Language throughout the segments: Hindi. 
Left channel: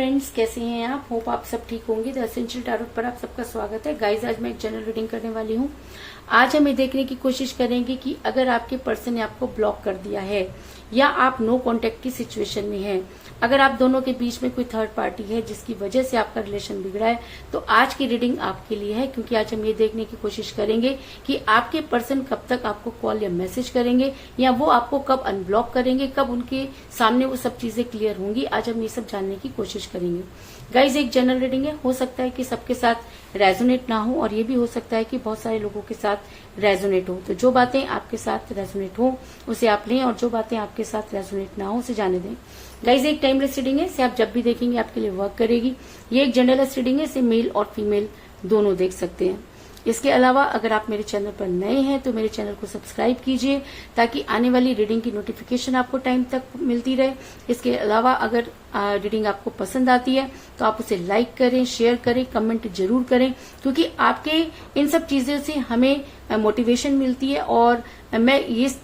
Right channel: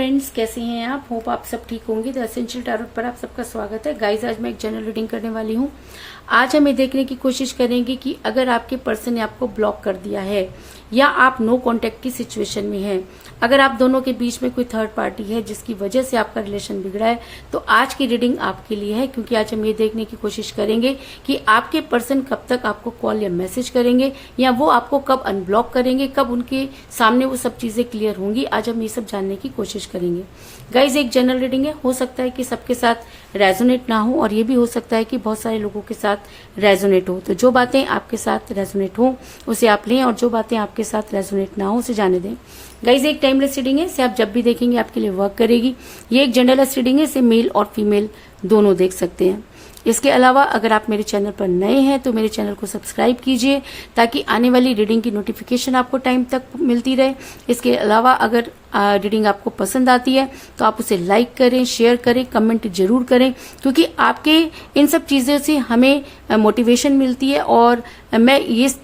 फ्रेंड्स, कैसे हैं आप? होप आप सब ठीक होंगे। द एसेंशियल टैरोट पर आप सबका स्वागत है। गाइस, आज मैं एक जनरल रीडिंग करने वाली हूँ। आज हम ये देखने की कोशिश करेंगे कि अगर आपके पर्सन ने आपको ब्लॉक कर दिया है या आप नो कांटेक्ट की सिचुएशन में हैं, अगर आप दोनों के बीच में कोई थर्ड पार्टी है जिसकी वजह से आपका रिलेशन बिगड़ा है, तो आज की रीडिंग आपके लिए है। क्योंकि आज हम ये देखने की कोशिश करेंगे कि आपके पर्सन कब तक आपको कॉल या मैसेज करेंगे या वो आपको कब अनब्लॉक करेंगे, कब उनके सामने वो सब चीजें क्लियर होंगी। आज हम ये सब जानने की कोशिश करेंगे। गाइज, एक जनरल रीडिंग है, हो सकता है कि सबके साथ रेजोनेट ना हो और ये भी हो सकता है कि बहुत सारे लोगों के साथ रेजोनेट हो। तो जो बातें आपके साथ रेजोनेट हो उसे आप लें और जो बातें आपके साथ रेजोनेट ना हो उसे जाने दें। गाइज, एक टाइमलेस रीडिंग है, इसे आप जब भी देखेंगे आपके लिए वर्क करेगी। ये एक जनरलेस रीडिंग है, इसे मेल और फीमेल दोनों देख सकते हैं। इसके अलावा अगर आप मेरे चैनल पर नए हैं तो मेरे चैनल को सब्सक्राइब कीजिए ताकि आने वाली रीडिंग की नोटिफिकेशन आपको टाइम तक मिलती रहे। इसके अलावा अगर रीडिंग आपको पसंद आती है तो आप उसे लाइक करें, शेयर करें, कमेंट जरूर करें, क्योंकि आपके इन सब चीजों से हमें मोटिवेशन मिलती है। और मैं इस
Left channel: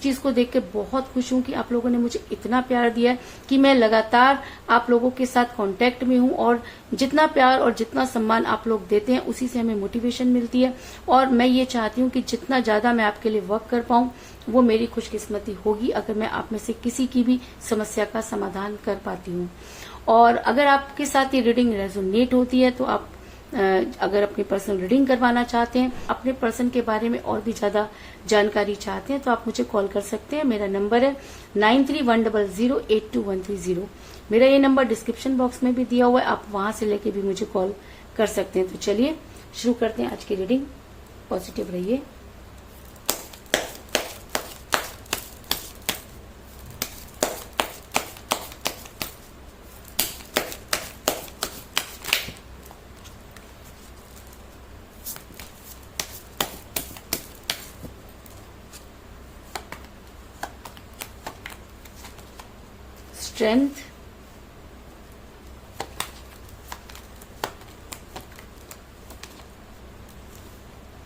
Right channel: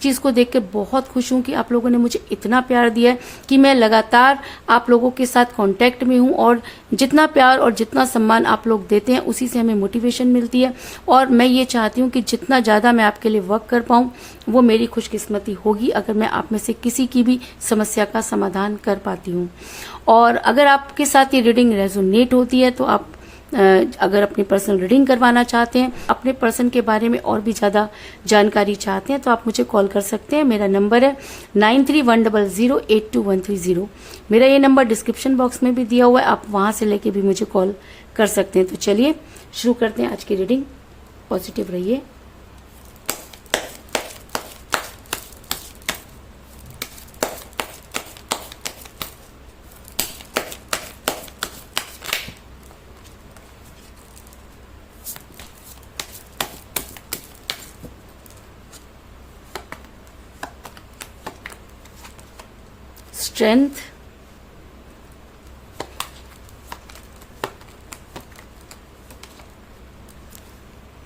चीज को देखकर बहुत खुश हूं कि आप लोगों ने मुझे इतना प्यार दिया है कि मैं लगातार आप लोगों के साथ कांटेक्ट में हूं। और जितना प्यार और जितना सम्मान आप लोग देते हैं उसी से हमें मोटिवेशन मिलती है। और मैं ये चाहती हूं कि जितना ज्यादा मैं आपके लिए वर्क कर पाऊं वो मेरी खुशकिस्मती होगी अगर मैं आप में से किसी की भी समस्या का समाधान कर पाती हूँ। और अगर आपके साथ ये रीडिंग रेजोनेट होती है तो आप अगर अपनी पर्सनल रीडिंग करवाना चाहते हैं, अपने पर्सन के बारे में और भी ज्यादा जानकारी चाहते हैं, तो आप मुझे कॉल कर सकते हैं। मेरा नंबर है 9310082130। मेरा ये नंबर डिस्क्रिप्शन बॉक्स में भी दिया हुआ है, आप वहां से लेके भी मुझे कॉल कर सकते हैं। तो चलिए शुरू करते हैं आज की रीडिंग। पॉजिटिव रहिए। Strength,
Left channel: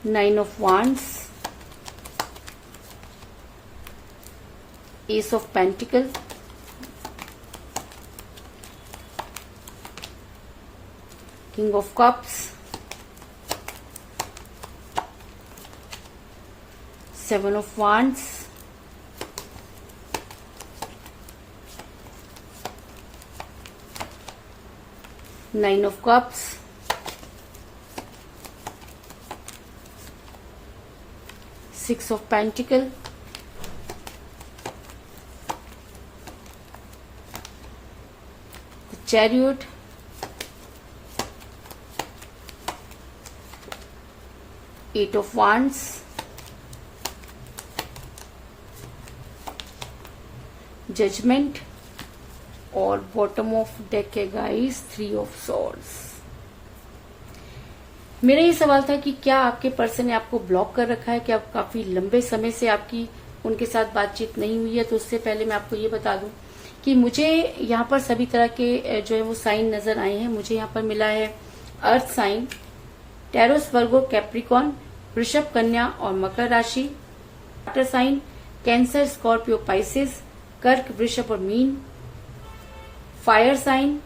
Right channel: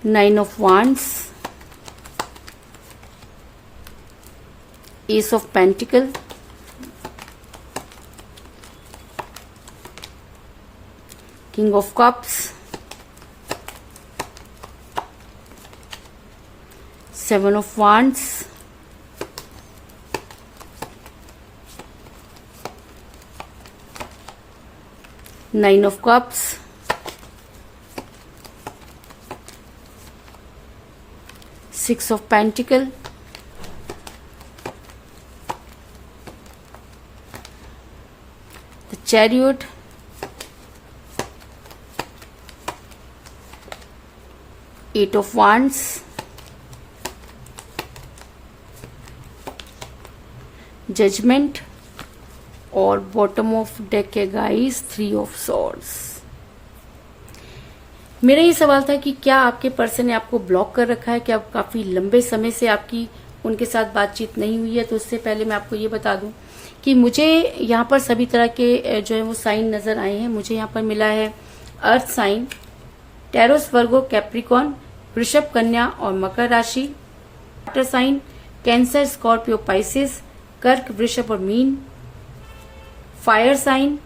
Nine of Wands, Ace of Pentacles, King of Cups, Seven of Wands, Nine of Cups, Six of Pentacles, the Chariot, Eight of Wands, Judgment, और बॉटम ऑफ डेक है गाइस, थ्री ऑफ सॉर्ड्स। मेरा ये सवाल था कि क्या आपके पर्सन ने आपको ब्लॉक कर रखा है, क्या काफी लंबे समय से आपकी उनके साथ बातचीत नहीं हुई है। तो उससे पहले मैं आपको ये बता दूं कि मुझे यहाँ पर सभी तरह के जो है वो साइन नजर आए हैं। मुझे यहाँ पर मिला है अर्थ साइन, टैरोस, वर्गो, कैप्रिकॉन, वृषभ, कन्या और मकर राशि, water sign, Cancer, Scorpio, Pisces, कर्क, वृषभ और मीन, fire sign,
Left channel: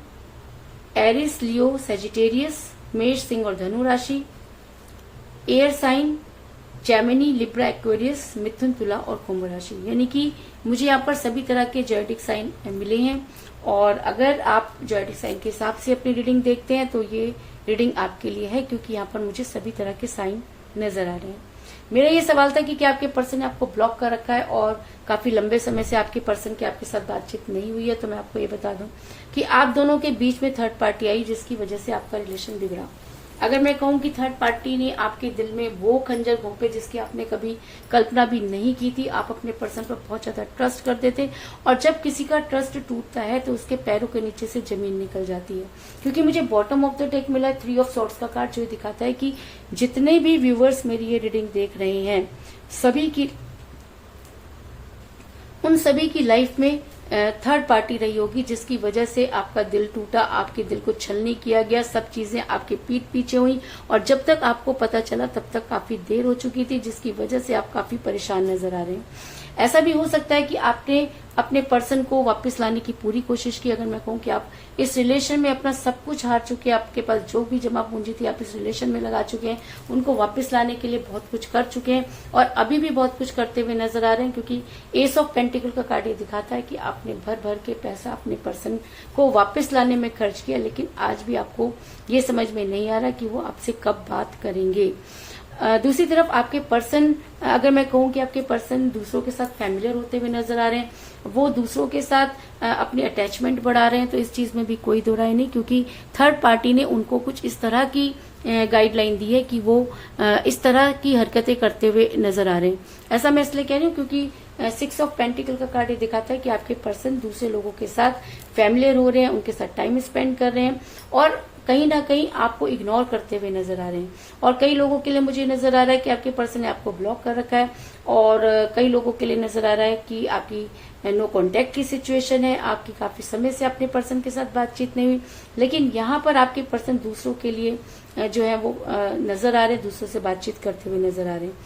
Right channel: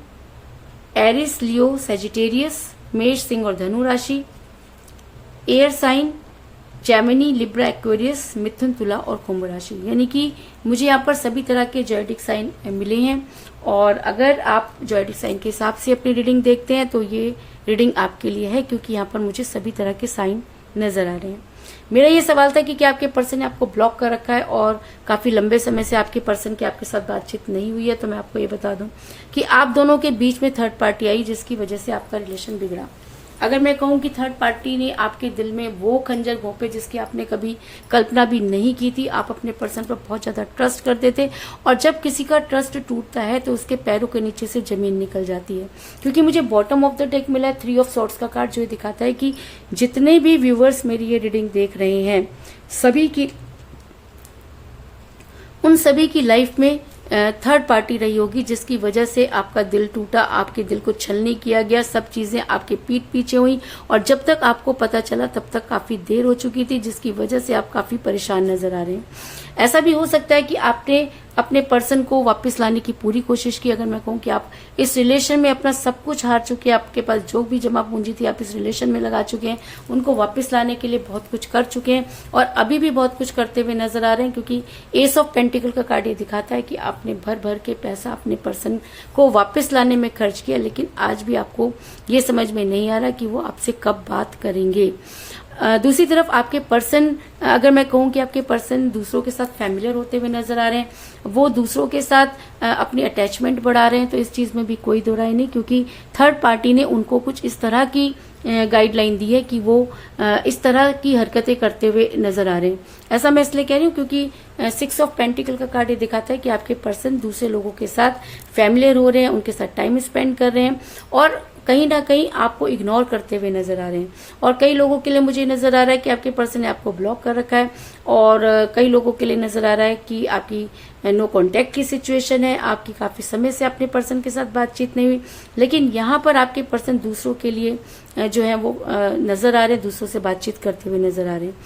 Aries, Leo, Sagittarius, मेष, सिंह और धनु राशि, air sign, Gemini, Libra, Aquarius, मिथुन, तुला और कुंभ राशि। यानी कि मुझे यहाँ पर सभी तरह के जॉयटिक साइन मिले हैं। और अगर आप जॉयटिक साइन के हिसाब से अपनी रीडिंग देखते हैं तो ये रीडिंग आपके लिए है, क्योंकि यहाँ पर मुझे सभी तरह के साइन नजर आ रहे हैं। मेरा ये सवाल था कि क्या आपके पर्सन ने आपको ब्लॉक कर रखा है और काफी लंबे समय से आपके पर्सन की आपके साथ बातचीत नहीं हुई है। तो मैं आपको ये बता दूं कि आप दोनों के बीच में थर्ड पार्टी आई जिसकी वजह से आपका रिलेशन बिगड़ा। अगर मैं कहूं कि थर्ड पार्टी ने आपके दिल में वो खंजर घोंपे जिसकी आपने कभी कल्पना भी नहीं की थी। आप अपने पर्सन पर बहुत ज्यादा ट्रस्ट करते थे और जब किसी का ट्रस्ट टूटता है तो उसके पैरों के नीचे से जमीन निकल जाती है। क्योंकि मुझे बॉटम ऑफ द डेक मिला है थ्री ऑफ सॉर्ड्स का कार्ड, जो दिखाता है कि जितने भी व्यूअर्स मेरी ये रीडिंग देख रहे हैं उन सभी की लाइफ में थर्ड पार्टी रही होगी जिसकी वजह से आपका दिल टूटा, आपके दिल को छलनी किया गया, सब चीजें आपके पीठ पीछे हुई और जब तक आपको पता चला तब तक काफी देर हो चुकी थी, जिसकी वजह से आप काफी परेशान नजर आ रहे हैं। ऐसा भी हो सकता है कि आपने अपने पर्सन को वापस लाने की पूरी कोशिश की। अगर मैं कहूँ कि आप इस रिलेशन में अपना सब कुछ हार चुके हैं, आपके पास जो भी जमा पूंजी थी आप इस रिलेशन में लगा चुके हैं, उनको वापस लाने के लिए बहुत कुछ कर चुके हैं और अभी भी बहुत कुछ करते हुए नजर आ रहे हैं, क्योंकि एस ऑफ पेंटिकल का कार्ड ये दिखाता है कि आपने भर भर के पैसा अपने पर्सन को वापस लाने में खर्च किया, लेकिन आज भी आपको ये समझ में नहीं आ रहा कि वो आपसे कब बात करेंगे। दूसरी तरफ आपके पर्सन, अगर मैं कहूँ कि आपके पर्सन दूसरों के साथ फैमिलियर होते हुए नजर आ रहे हैं, वो दूसरों के साथ अपनी अटैचमेंट बढ़ा रहे हैं, तो इस चीज में भी कोई दो राय नहीं, क्योंकि थर्ड पार्टी ने उनको कुछ इस तरह की गाइडलाइन दी है कि वो इस तरह की हरकतें करते हुए नजर आ रहे हैं। ऐसा मैं इसलिए कह रही हूँ क्योंकि 6 ऑफ पेंटिकल का कार्ड ये दिखाता है कि आपके पर्सन दूसरे लोगों के साथ फैमिलियर हो रहे हैं, उनके साथ टाइम स्पेंड कर रहे हैं और कहीं ना कहीं आपको इग्नोर करते हुए नजर आ रहे हैं। और कई लोगों के लिए मुझे नजर आ रहा है कि आपके पर्सन ने आपको ब्लॉक कर रखा है और कई लोगों के लिए नजर आ रहा है कि आपकी नो कांटेक्ट की सिचुएशन है, आपकी काफी समय से अपने पर्सन के साथ बातचीत नहीं हुई, लेकिन यहाँ पर आपके पर्सन दूसरों के लिए जो है वो नजर आ रहे हैं, दूसरों से बातचीत करते हुए नजर आ रहे हैं।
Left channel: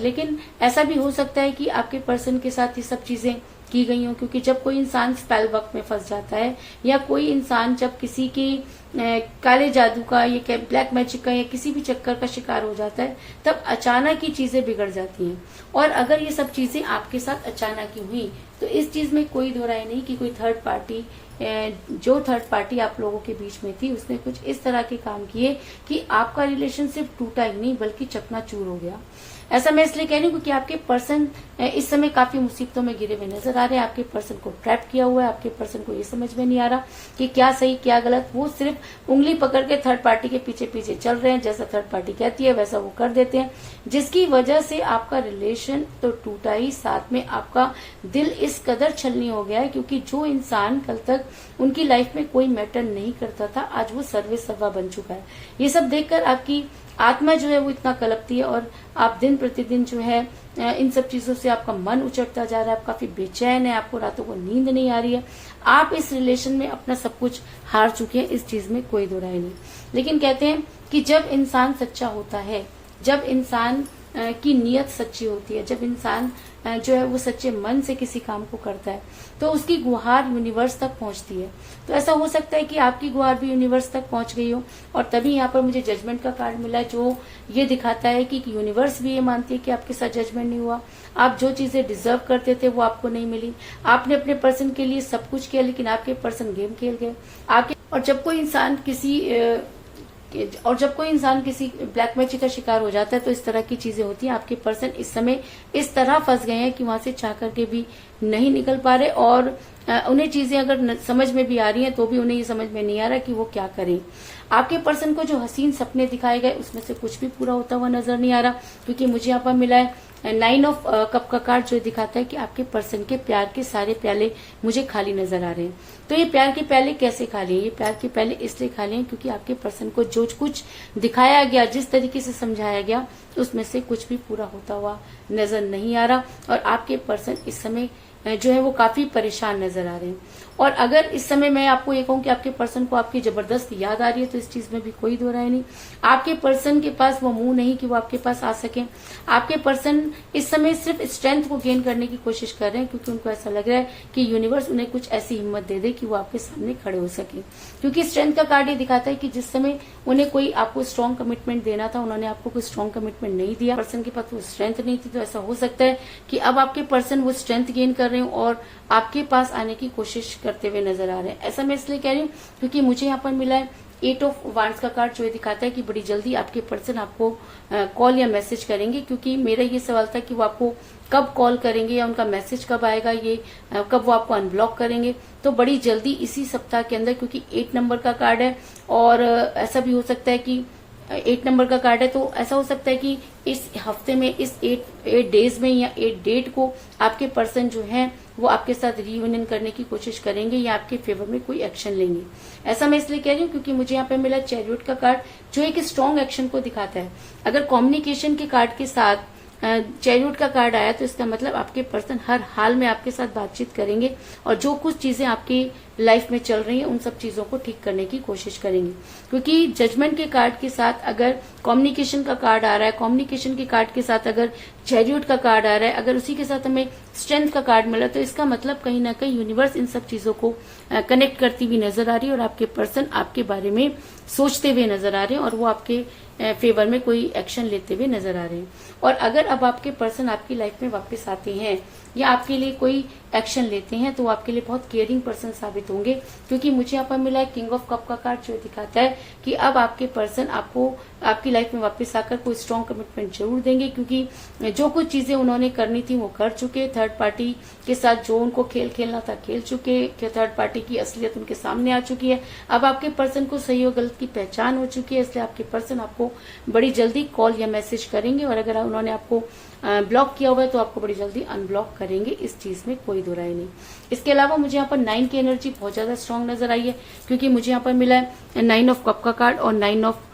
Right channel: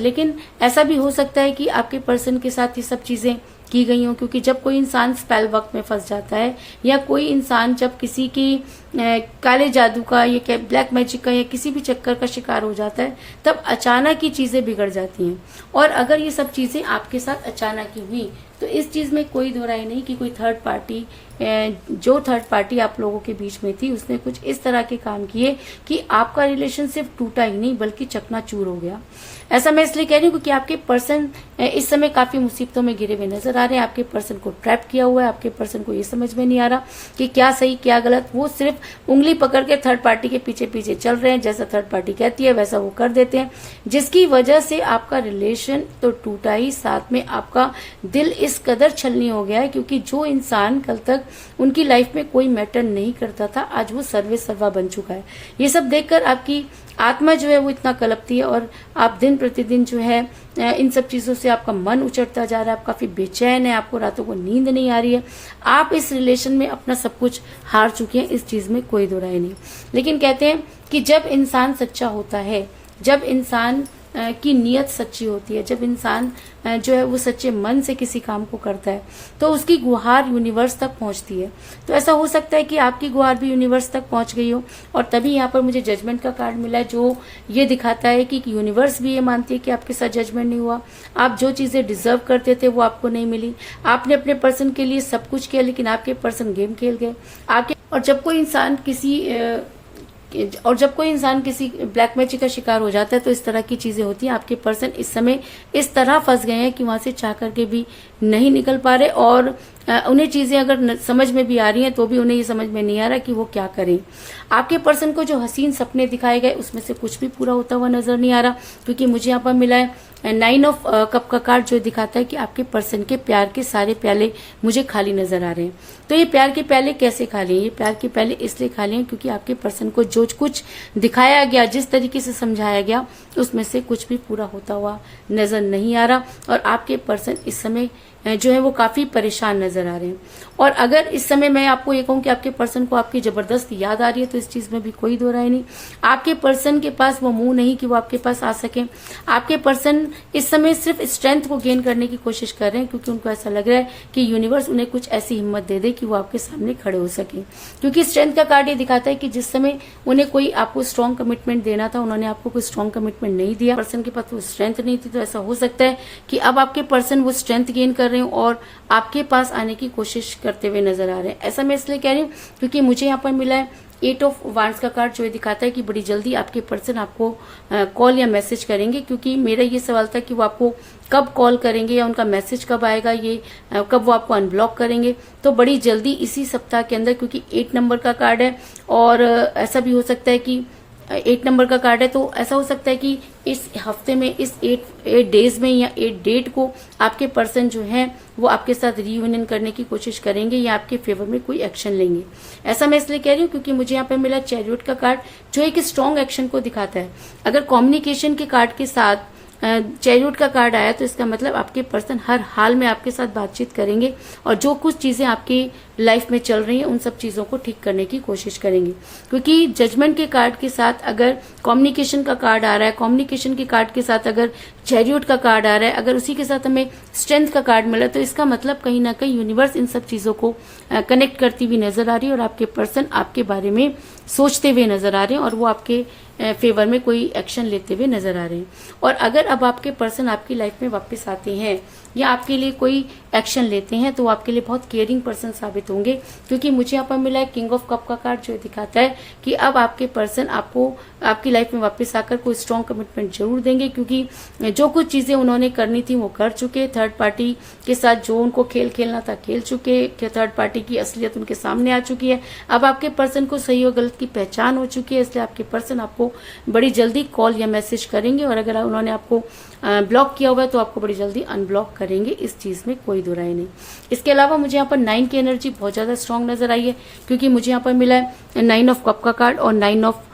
लेकिन ऐसा भी हो सकता है कि आपके पर्सन के साथ ये सब चीजें की गई हो, क्योंकि जब कोई इंसान स्पेल वक्त में फंस जाता है या कोई इंसान जब किसी की काले जादू का या ब्लैक मैजिक का या किसी भी चक्कर का शिकार हो जाता है, तब अचानक ही चीजें बिगड़ जाती हैं। और अगर ये सब चीजें आपके साथ अचानक ही हुई तो इस चीज में कोई दो राय नहीं कि कोई थर्ड पार्टी आप लोगों के बीच में थी, उसने कुछ इस तरह के काम किए कि आपका रिलेशन सिर्फ टूटा ही नहीं बल्कि चकनाचूर हो गया। ऐसा मैं इसलिए कह रही हूँ क्योंकि आपके पर्सन इस समय काफी मुसीबतों में घिरे हुए नजर आ रहे हैं। आपके पर्सन को ट्रैप किया हुआ है, आपके पर्सन को ये समझ में नहीं आ रहा कि क्या सही क्या गलत। वो सिर्फ उंगली पकड़ के थर्ड पार्टी के पीछे पीछे चल रहे हैं, जैसा थर्ड पार्टी कहती है वैसा वो कर देते हैं, जिसकी वजह से आपका रिलेशन तो टूटा ही, साथ में आपका दिल इस कदर छलनी हो गया है, क्योंकि जो इंसान कल तक उनकी लाइफ में कोई मैटर नहीं करता था, आज वो सर्वे सर्वा बन चुका है। ये सब देखकर आपकी आत्मा जो है वो इतना कलपती है और आप दिन प्रतिदिन जो है इन सब चीजों से आपका मन उचटता जा रहा है, आप काफी बेचैन है, आपको रातों को नींद नहीं आ रही है, आप इस रिलेशन में अपना सब कुछ हार चुके हैं, इस चीज में कोई दो राय नहीं। लेकिन कहते हैं कि जब इंसान सच्चा होता है, जब इंसान की नीयत सच्ची होती है, जब इंसान जो है वो सच्चे मन से किसी काम को करता है, तो उसकी गुहार यूनिवर्स तक पहुंचती है। तो ऐसा हो सकता है कि आपकी गुहार भी यूनिवर्स तक पहुंच गई हो, और तभी यहाँ पर मुझे जजमेंट का कार्ड मिला है, जो ये दिखाता है कि यूनिवर्स भी ये मानती है कि आपके साथ जजमेंट नहीं हुआ, आप जो चीजें डिजर्व करते थे वो आपको नहीं मिली, आपने अपने पर्सन के लिए सब कुछ किया लेकिन आपके पर्सन गेम खेल गए आपके। और जब कोई इंसान किसी ब्लैक मैजिक का शिकार हो जाता है तो इस तरह की चीजें होती हैं। आपके पर्सन इस समय इस तरह फंस गए हैं कि वहां से चाह करके भी नहीं निकल पा रहे, और उन्हें चीजें अगर समझ में भी आ रही हैं तो भी उन्हें ये समझ में नहीं आ रहा कि वो क्या करें। आपके पर्सन को जो हसीन सपने दिखाए गए उसमें से कुछ भी पूरा होता हुआ नजर नहीं आ रहा, क्योंकि मुझे यहाँ पर मिला है 9 ऑफ कप का कार्ड, जो दिखाता है कि आपके पर्सन के प्यार के सारे प्याले मुझे खाली नजर आ रहे हैं। तो ये प्यार के प्याले कैसे खाली हैं? ये प्यार के प्याले इसलिए खाली हैं क्योंकि आपके पर्सन को जो कुछ दिखाया गया, जिस तरीके से समझाया गया, उसमें से कुछ भी पूरा होता हुआ नजर नहीं आ रहा, और आपके पर्सन इस समय जो है वो काफी परेशान नजर आ रहे हैं। और अगर इस समय मैं आपको ये कहूं कि आपके पर्सन को आपकी जबरदस्त याद आ रही है, तो इस चीज में भी कोई दो राय नहीं। आपके पर्सन के पास वो मुंह नहीं कि वो आपके पास आ सके। आपके पर्सन इस समय सिर्फ स्ट्रेंथ को गेन करने की कोशिश कर रहे हैं, क्योंकि उनको ऐसा लग रहा है कि यूनिवर्स उन्हें कुछ ऐसी हिम्मत दे दे कि वो आपके सामने खड़े हो सके। क्योंकि स्ट्रेंथ का कार्ड ये दिखाता है कि जिस समय उन्हें कोई आपको स्ट्रॉन्ग कमिटमेंट देना था, उन्होंने आपको कोई स्ट्रॉन्ग कमिटमेंट नहीं दिया, पर्सन के पास वो स्ट्रेंथ नहीं थी। तो ऐसा हो सकता है कि अब आपके पर्सन वो स्ट्रेंथ गेन कर रहे हो और आपके पास आने की कोशिश करते हुए नजर आ रहे हैं। ऐसा मैं इसलिए कह रही हूँ क्योंकि मुझे यहाँ पर मिला है 8 ऑफ वांड्स का कार्ड, जो ये दिखाता है कि बड़ी जल्दी आपके पर्सन आपको कॉल या मैसेज करेंगे। क्योंकि मेरा ये सवाल था कि वो आपको कब कॉल करेंगे या उनका मैसेज कब आएगा, ये कब वो आपको अनब्लॉक करेंगे। तो बड़ी जल्दी इसी सप्ताह के अंदर, क्योंकि 8 नंबर का कार्ड है और ऐसा भी हो सकता है कि 8 नंबर का कार्ड है, तो ऐसा हो सकता है कि इस हफ्ते में, इस 8 डेज में या 8 डेट को आपके पर्सन जो है वो आपके साथ रीयूनियन करने की कोशिश करेंगे या आपके फेवर में कोई एक्शन लेंगे। ऐसा मैं इसलिए कह रही हूँ क्योंकि मुझे यहाँ पे मिला चैरियट का कार्ड, जो एक स्ट्रॉन्ग एक्शन को दिखाता है। अगर कम्युनिकेशन के कार्ड के साथ चैरियट का कार्ड आया तो इसका मतलब आपके पर्सन हर हाल में आपके साथ बातचीत करेंगे, और जो कुछ चीजें आपकी लाइफ में चल रही है उन सब चीजों को ठीक करने की कोशिश करेंगे। क्योंकि जजमेंट के कार्ड के साथ अगर कम्युनिकेशन का कार्ड आ रहा है, कम्युनिकेशन के कार्ड के साथ अगर चैरियट का कार्ड आ रहा है, अगर उसी के साथ हमें स्ट्रेंथ का कार्ड मिला, तो इसका मतलब कहीं ना कहीं यूनिवर्स इन सब चीजों को कनेक्ट करती हुई नजर आ रही है और आपके पर्सन आपके बारे में सोचते हुए नजर आ रहे हैं और वो आपके फेवर में कोई एक्शन लेते हुए नजर आ रहे हैं। और अगर अब आपके पर्सन आपकी लाइफ में वापस आते हैं या आपके लिए कोई एक्शन लेते हैं तो आपके लिए बहुत केयरिंग पर्सन साबित होंगे। क्योंकि मुझे यहाँ पर मिला है किंग ऑफ कप का कार्ड, जो दिखाता है कि अब आपके पर्सन आपको आपकी लाइफ में वापस आकर कोई स्ट्रॉन्ग कमिटमेंट जरूर देंगे। क्योंकि जो कुछ चीजें उन्होंने करनी थी वो कर चुके, थर्ड पार्टी के साथ जो उनको खेल खेलना था खेल चुके, थर्ड पार्टी की असलियत उनके सामने आ चुकी है। अब आपके पर्सन को सही और गलत की पहचान हो चुकी है, इसलिए आपके पर्सन आपको बड़ी जल्दी कॉल या मैसेज करेंगे। और अगर उन्होंने आपको ब्लॉक किया हुआ है तो आपको बड़ी जल्दी अनब्लॉक करेंगे, इस चीज में कोई दो राय नहीं। इसके अलावा मुझे यहाँ पर 9 की एनर्जी बहुत ज्यादा स्ट्रांग नजर आई है। क्योंकि मुझे यहाँ पर मिला है 9 ऑफ कप का कार्ड और 9 ऑफ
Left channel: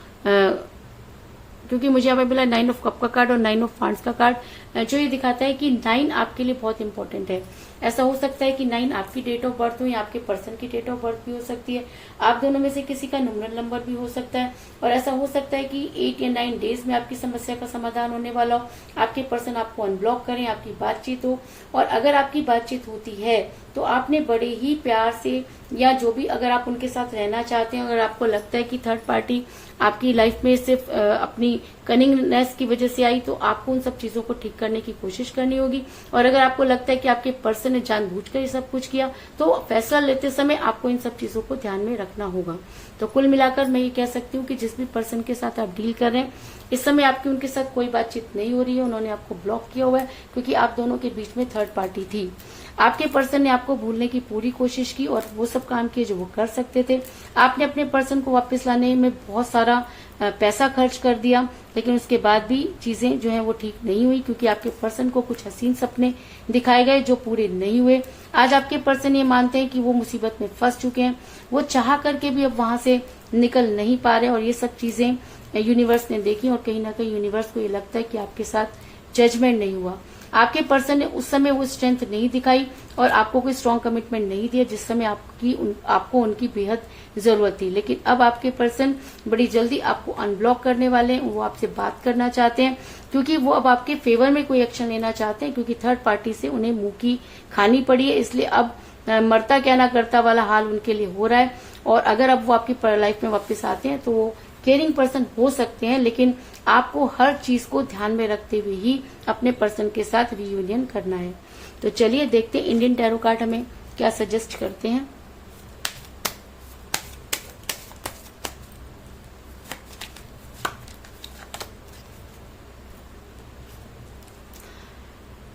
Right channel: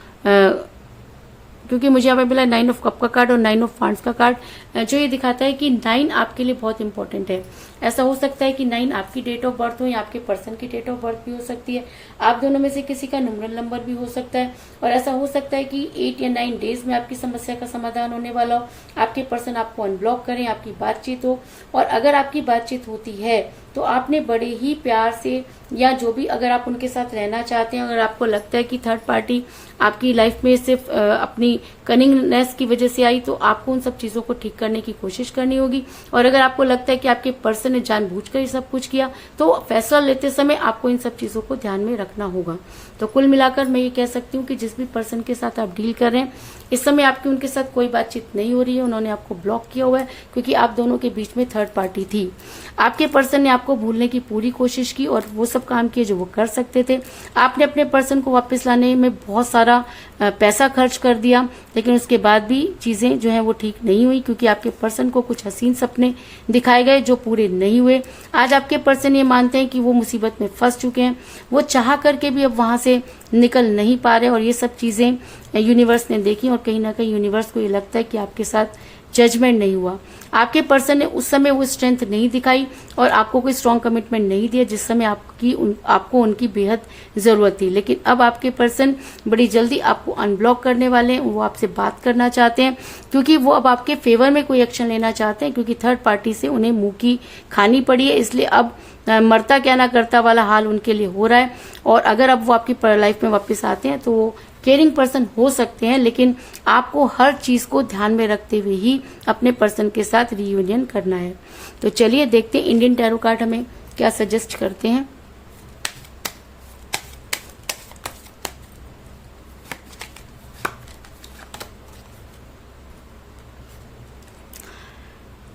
क्योंकि मुझे यहाँ पर मिला 9 ऑफ कप का कार्ड और 9 ऑफ वांड्स का कार्ड, जो ये दिखाता है कि 9 आपके लिए बहुत इंपॉर्टेंट है। ऐसा हो सकता है कि 9 आपकी डेट ऑफ बर्थ हो या आपके पर्सन की डेट ऑफ बर्थ भी हो सकती है। आप दोनों में से किसी का न्यूमरल नंबर भी हो सकता है। और ऐसा हो सकता है कि 8 या 9 डेज में आपकी समस्या का समाधान होने वाला हो, आपके पर्सन आपको अनब्लॉक करें, आपकी बातचीत हो। और अगर आपकी बातचीत होती है तो आपने बड़े ही प्यार से, या जो भी अगर आप उनके साथ रहना चाहते हैं, अगर आपको लगता है कि थर्ड पार्टी आपकी लाइफ में सिर्फ अपनी कनिंगनेस की वजह से आई, तो आपको उन सब चीजों को ठीक करने की कोशिश करनी होगी। और अगर आपको लगता है कि आपके पर्सन ने जानबूझकर ये सब कुछ किया, तो फैसला लेते समय आपको इन सब चीजों को ध्यान में रखना होगा। तो कुल मिलाकर मैं ये कह सकती हूँ कि जिस भी पर्सन के साथ आप डील कर रहे हैं, इस समय आपकी उनके साथ कोई बातचीत नहीं हो रही है, उन्होंने आपको ब्लॉक किया हुआ है। क्योंकि आप दोनों के बीच में थर्ड पार्टी थी। आपके पर्सन ने आपको भूलने की पूरी कोशिश की और वो सब काम किए जो वो कर सकते थे। आपने अपने पर्सन को वापस लाने में बहुत सारा पैसा खर्च कर दिया, लेकिन उसके बाद भी चीजें जो है वो ठीक नहीं हुई। क्योंकि आपके पर्सन को कुछ हसीन सपने दिखाए गए जो पूरे नहीं हुए। आज आपके पर्सन ये मानते हैं कि वो मुसीबत में फंस चुके हैं, वो चाह करके भी अब वहां से निकल नहीं पा रहे। और ये सब चीजें यूनिवर्स ने देखी और कहीं ना कहीं यूनिवर्स को ये लगता है कि आपके साथ जजमेंट नहीं हुआ। आपके पर्सन ने उस समय वो स्ट्रेंथ नहीं दिखाई और आपको कोई स्ट्रॉन्ग कमिटमेंट नहीं दिया जिस समय आपको उनकी बेहद जरूरत थी। लेकिन अब आपके पर्सन बड़ी जल्दी आपको अनब्लॉक करने वाले हैं, वो आपसे बात करना चाहते हैं। क्योंकि वो अब आपके फेवर में कोई एक्शन लेना चाहते हैं। क्योंकि थर्ड पार्टी से उन्हें मुंह की खानी पड़ी है, इसलिए अब मरता क्या ना करता वाला हाल उनके लिए हो रहा है। और अगर अब वो आपकी लाइफ में वापस आते हैं तो वो केयरिंग पर्सन हो सकते हैं, लेकिन आपको हर चीज को ध्यान में रखते हुए ही अपने पर्सन के साथ रियूनियन करना है। तो चलिए देखते हैं इंडियन टैरो कार्ड हमें क्या सजेस्ट करते हैं।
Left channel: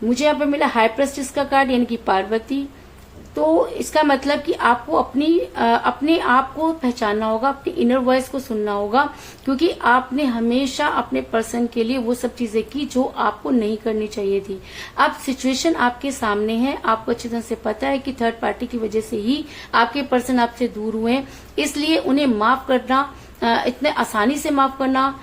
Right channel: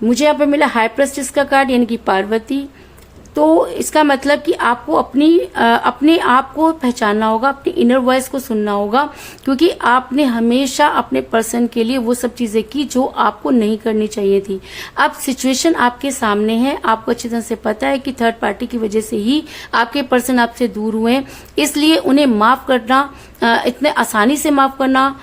मुझे यहाँ पे मिला हाई प्रेस्टिस का कार्ड, यानी कि पार्वती। तो इसका मतलब कि आपको अपने आप को पहचानना होगा, अपनी इनर वॉइस को सुनना होगा। क्योंकि आपने हमेशा अपने पर्सन के लिए वो सब चीजें की जो आपको नहीं करनी चाहिए थी। अब सिचुएशन आपके सामने है, आपको अच्छी तरह से पता है कि थर्ड पार्टी की वजह से ही आपके पर्सन आपसे दूर हुए हैं। इसलिए उन्हें माफ करना, इतने आसानी से माफ करना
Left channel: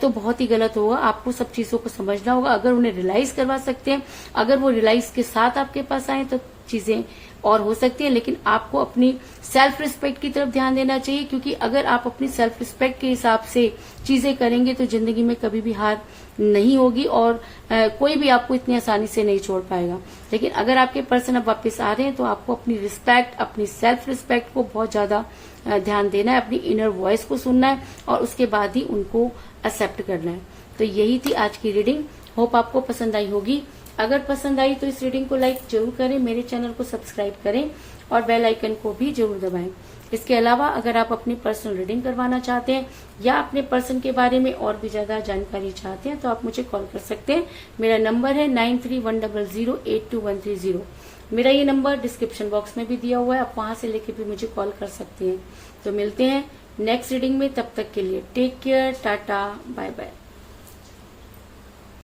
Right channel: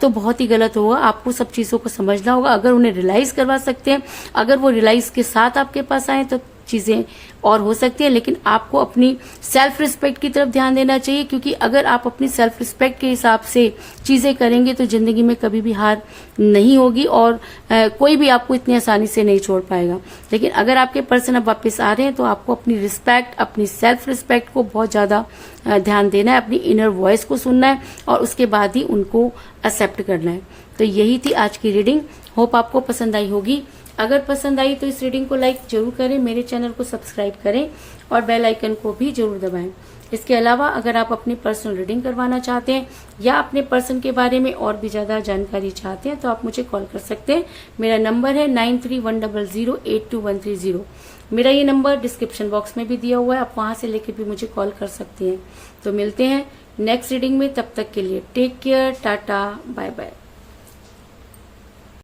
तो बहुत ही गलत होगा। आपको सब चीजों को समझना होगा। अगर उन्हें रियलाइज करवा सकते हैं, अगर वो रियलाइज के साथ आपके पास आए तो चीजें और हो सकती है। लेकिन आपको अपनी सेल्फ रिस्पेक्ट की तरफ ध्यान देना चाहिए। क्योंकि अगर आप अपनी सेल्फ रिस्पेक्ट के हिसाब से चीजें करेंगे तो जिंदगी में कभी भी हार नहीं होगी और कोई भी आपको इतनी आसानी से नहीं छोड़ पाएगा। लेकिन अगर आपके पर्सन अब वापस आ रहे हैं तो आपको अपनी रिस्पेक्ट, अपनी सेल्फ रिस्पेक्ट को बहुत ज्यादा ध्यान देना है, अपनी इनर वॉइस को सुनना है और उसके बाद ही उनको एक्सेप्ट करना है। तो यही थी आज की रीडिंग। होप आपको पसंद आई होगी। अगर पसंद आई तो इस रीडिंग को लाइक जरूर करें, मेरे चैनल को सब्सक्राइब करें और बेल आइकन को भी जरूर दबाएं। इसके अलावा अगर आप अपनी पर्सनल रीडिंग करवाना चाहते हैं या अपने पर्सन के बारे में और भी ज्यादा जानकारी चाहते हैं तो आप मुझे कॉल कर सकते हैं। मेरा नंबर है 9310082130। मेरा ये नंबर डिस्क्रिप्शन बॉक्स में भी दिया हुआ है, आप वहां से लेकर भी मुझे कॉल कर सकते हैं। तो मिलते हैं नेक्स्ट रीडिंग में, तब तक के लिए take care, tata, bye bye.